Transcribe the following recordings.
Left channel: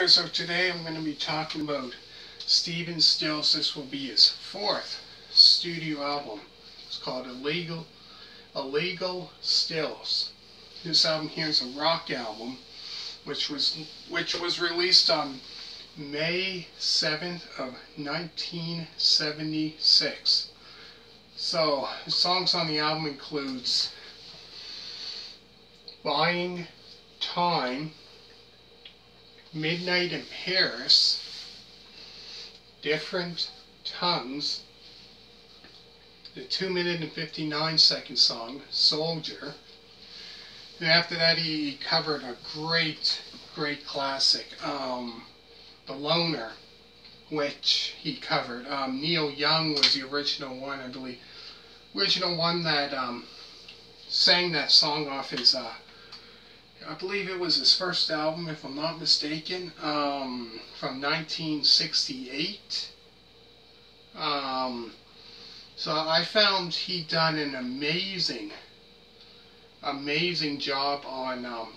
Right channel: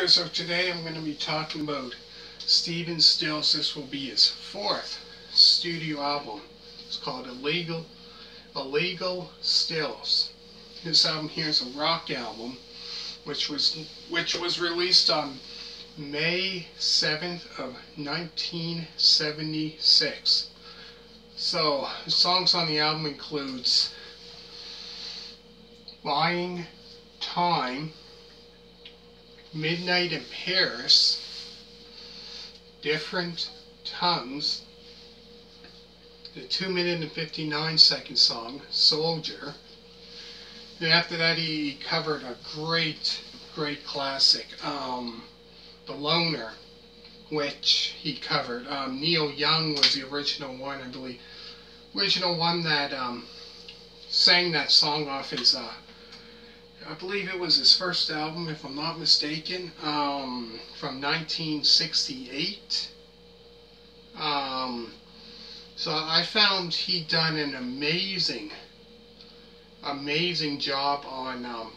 there, so today I'm going to be talking about Stephen Stills. This will be his fourth studio album. It's called Illegal Stills. This album here is a rock album, which was released on May 7th of 1976. So the songs on the album includes Buyin Time, Midnight in Paris, Different Tongues, the 2-minute and 59-second song, Soldier. And after that he covered a great classic, The Loner, which he covered. Neil Young was the original one, I believe. Original one that sang that song off his, I believe it was his first album, if I'm not mistaken, from 1968. So I found he done an amazing job on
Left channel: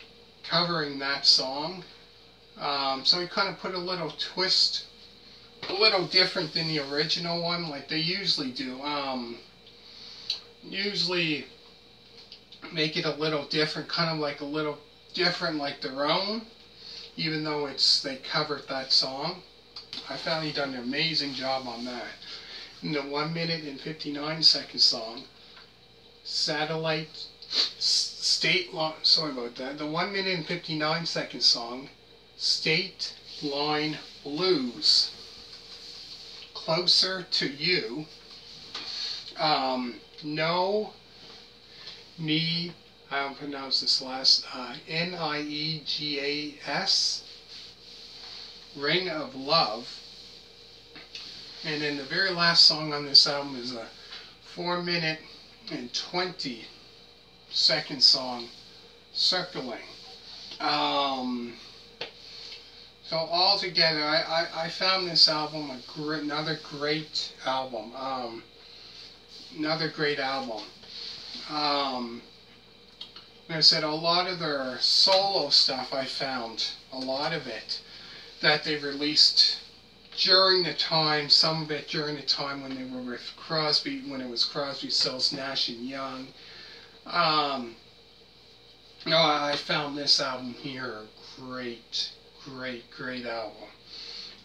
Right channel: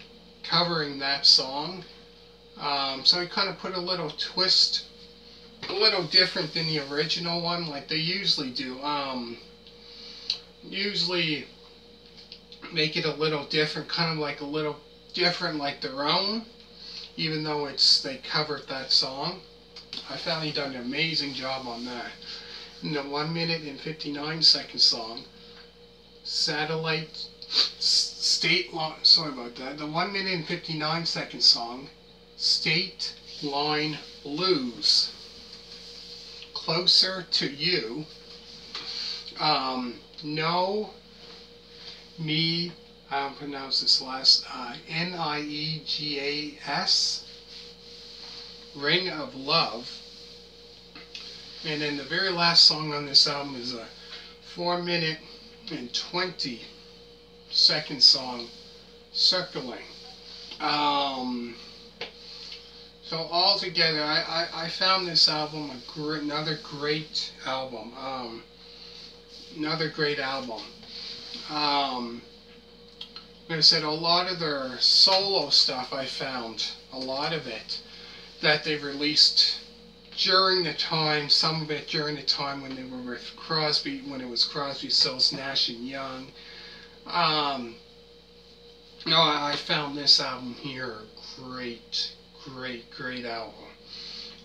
covering that song. So he kind of put a little twist, a little different than the original one, like they usually do. Usually make it a little different, kind of like a little different like their own, even though they covered that song. I found he done an amazing job on that. And the 1-minute and 59-second song, Stateline, sorry about that. The 1-minute and 59-second song, Stateline Blues, Closer to You, Me, I don't pronounce this last, Niegas, Ring of Love. And then the very last song on this album is a 4-minute and 20-second song, Circlin. So altogether, I found this album another great album. Like I said, a lot of their solo stuff, I found a lot of it that they released during the time, some of it during the time when they were with Crosby, when it was Crosby, Stills, Nash and Young. No, I found this album here a great album.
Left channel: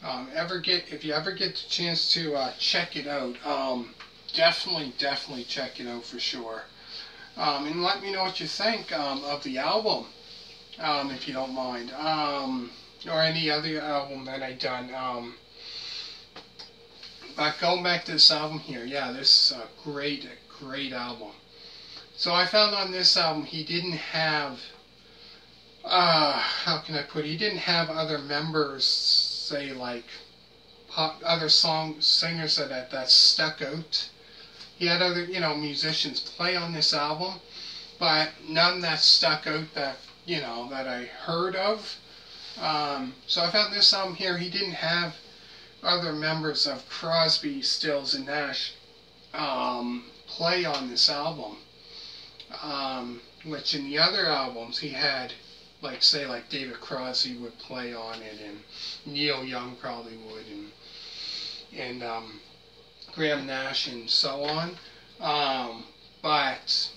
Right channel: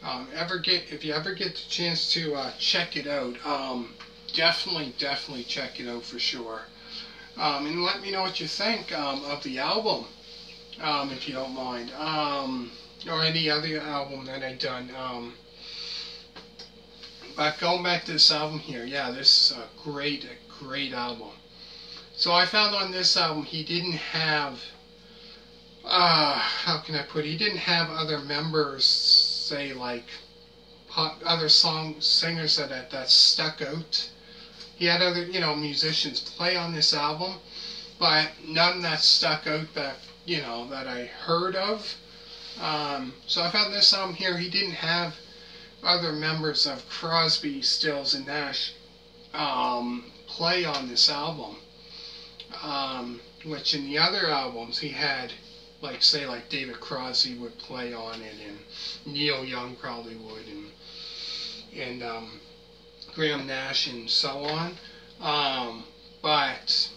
If you ever get the chance to check it out, definitely check it out for sure. And let me know what you think of the album, if you don't mind, or any other album that I've done. But going back to this album here, yeah, this is a great album. So I found on this album he didn't have, how can I put it? He didn't have other members, say like other singers that stuck out. He had other, musicians play on this album, but none that stuck out that, that I heard of. So I found this album here, he didn't have other members of Crosby, Stills, and Nash play on this album. Which in the other albums he had, like David Crosby would play on it, and Neil Young probably would, and Graham Nash and so on. But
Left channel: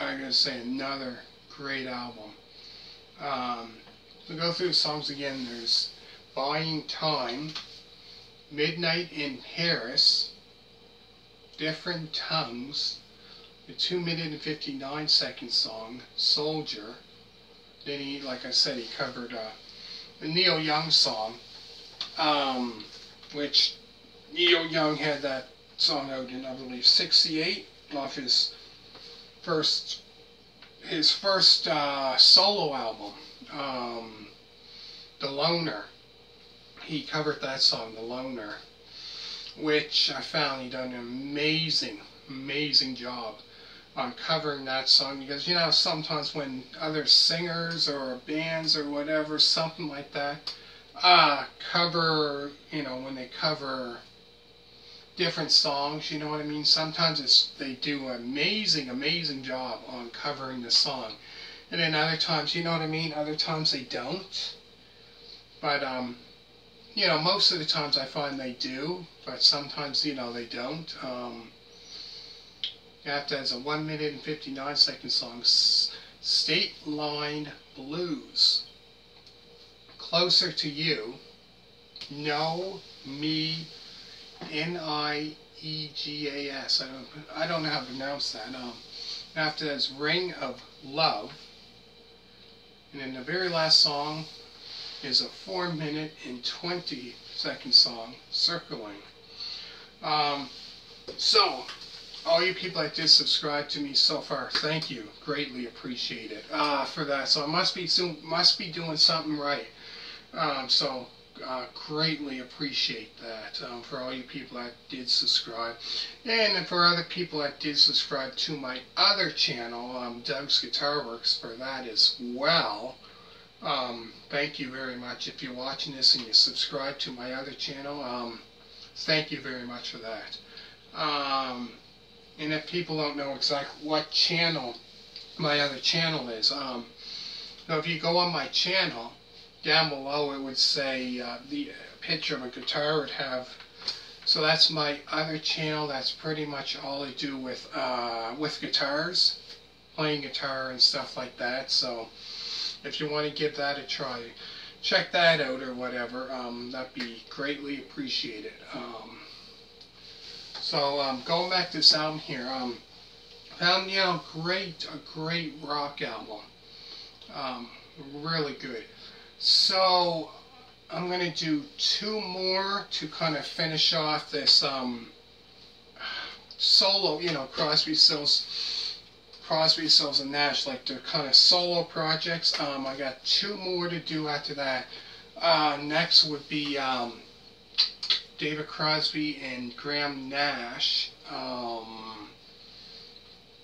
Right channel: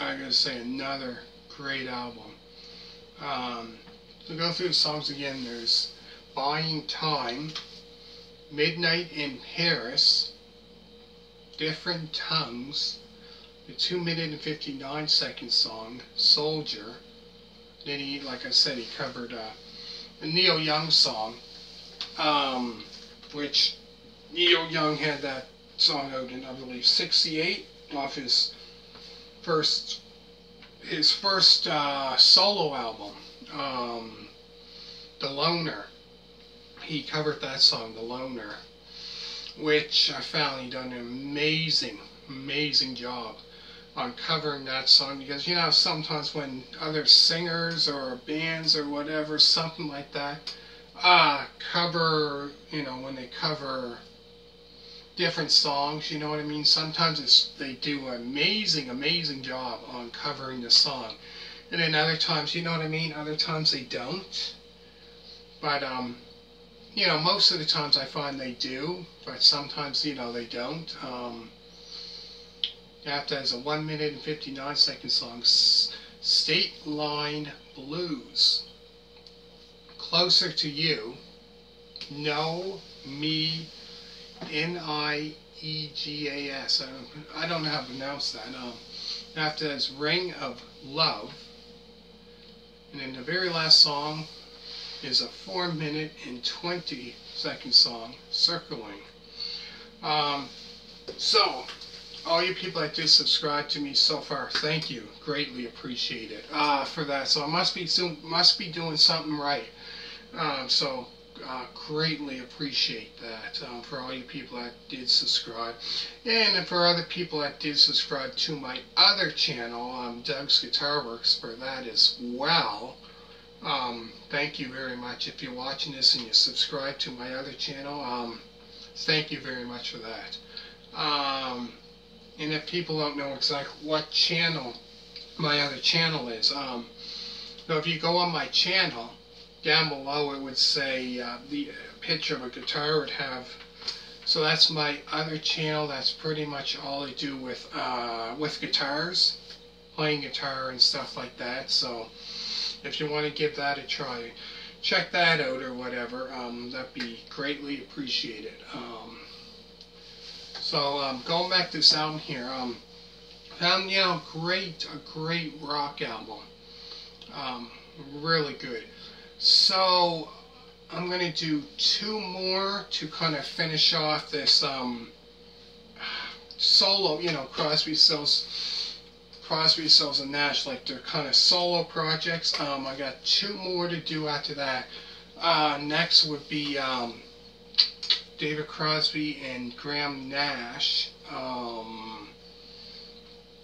I gotta say, another great album. We'll go through the songs again. There's Buyin Time, Midnight in Paris, Different Tongues, the 2-minute and 59-second song, Soldier. Then he, like I said, he covered a Neil Young song, which Neil Young had that song out in, I believe, 68, off his first solo album, The Loner. He covered that song, The Loner, which I found he done an amazing job on covering that song, because sometimes when other singers or bands or whatever, something like that, cover, when they cover different songs, you know what I mean, sometimes they do an amazing job on covering the song, and then other times, you know what I mean, other times they don't. But you know, most of the times I find they do, but sometimes, you know, they don't. After as a 1 minute and 59 second song, Stateline Blues. Closer to You. No, Me, Niegas. I don't know how to pronounce that. After that's Ring of Love. And then the very last song is a 4 minute and 20 second song, Circlin. So, all you people that did subscribe to me so far, thank you. Greatly appreciate it for that. So I must be doing something right. Greatly appreciate that for all you people that did subscribe. And for other people that did subscribe to my other channel, Doug's Guitar Works, for that as well. Thank you very much. If you're watching this and you subscribe to my other channel, thank you very much for that. And if people don't know exactly what channel my other channel is, so if you go on my channel, down below it would say the picture of a guitar would have. So that's my other channel. That's pretty much all I do with guitars, playing guitar and stuff like that. So if you want to give that a try, check that out or whatever. That'd be greatly appreciated. Going back to this album here, found, you know, a great rock album. Really good. So I'm going to do 2 more to kind of finish off this solo, you know, Crosby, Stills and Nash, like they're kind of solo projects. I got 2 more to do after that. Next would be David Crosby and Graham Nash.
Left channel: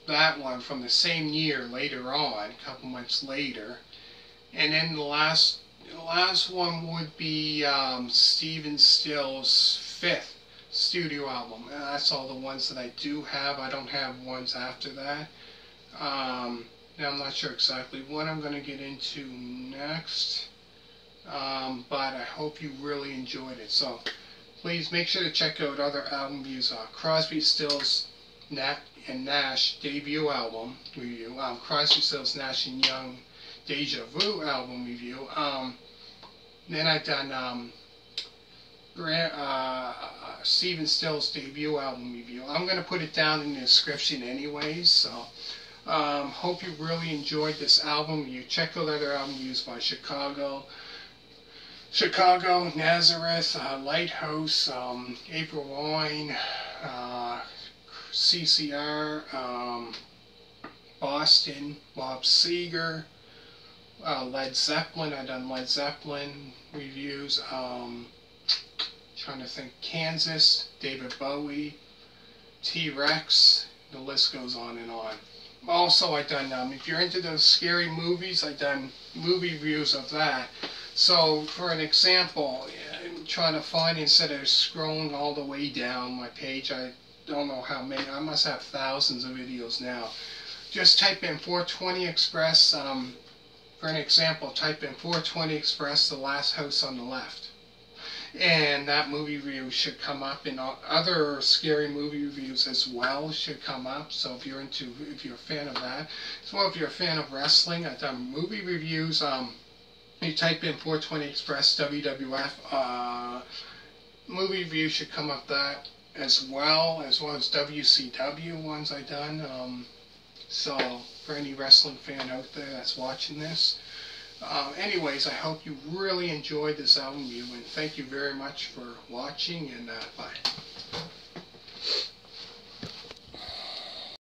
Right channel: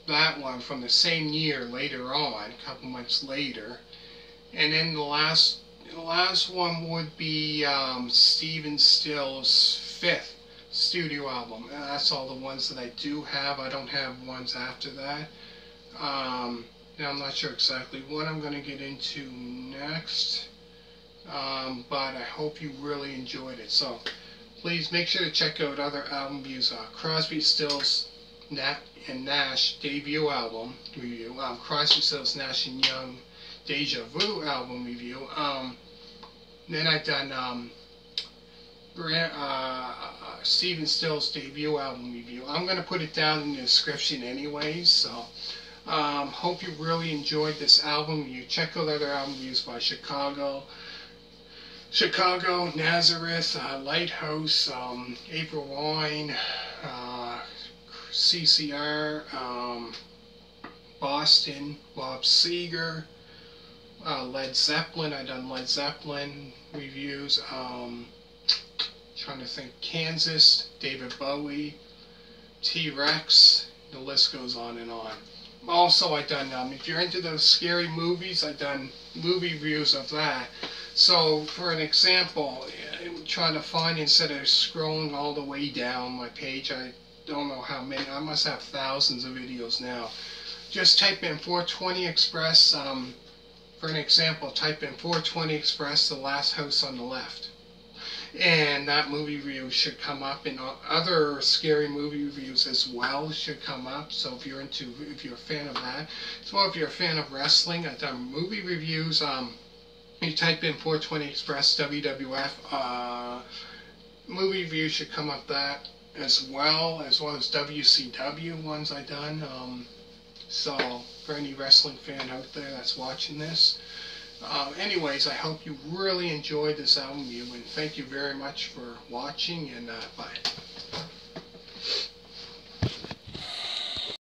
That one from the same year later on, a couple months later. And then the last one would be Stephen Stills' 5th studio album. That's all the ones that I do have. I don't have ones after that. Now I'm not sure exactly what I'm going to get into next, but I hope you really enjoyed it. So please make sure to check out other album views. Crosby, Stills, and Nash debut album review. Crosby, Stills, Nash and Young Deja Vu album review. Then I've done Stephen Stills' debut album review. I'm going to put it down in the description anyways, so hope you really enjoyed this album review. Check out other album reviews by Chicago, Nazareth, Lighthouse, April Wine, CCR, Boston, Bob Seger, Led Zeppelin. I've done Led Zeppelin reviews. Trying to think. Kansas, David Bowie, T-Rex. The list goes on and on. Also, I've done, if you're into those scary movies, I've done movie reviews of that. So, for an example, I'm trying to find, instead of scrolling all the way down my page, I don't know how many, I must have thousands of videos now. Just type in 420 Express. For an example, type in 420 Express, The Last House on the Left. And that movie review should come up, and other scary movie reviews as well should come up. So if you're a fan of that, as well if you're a fan of wrestling, I've done movie reviews. You type in 420 Express WWF, movie review should come up that as well as WCW ones I've done. So for any wrestling fan out there that's watching this. Anyways, I hope you really enjoyed this album review, and thank you very much for watching, and bye.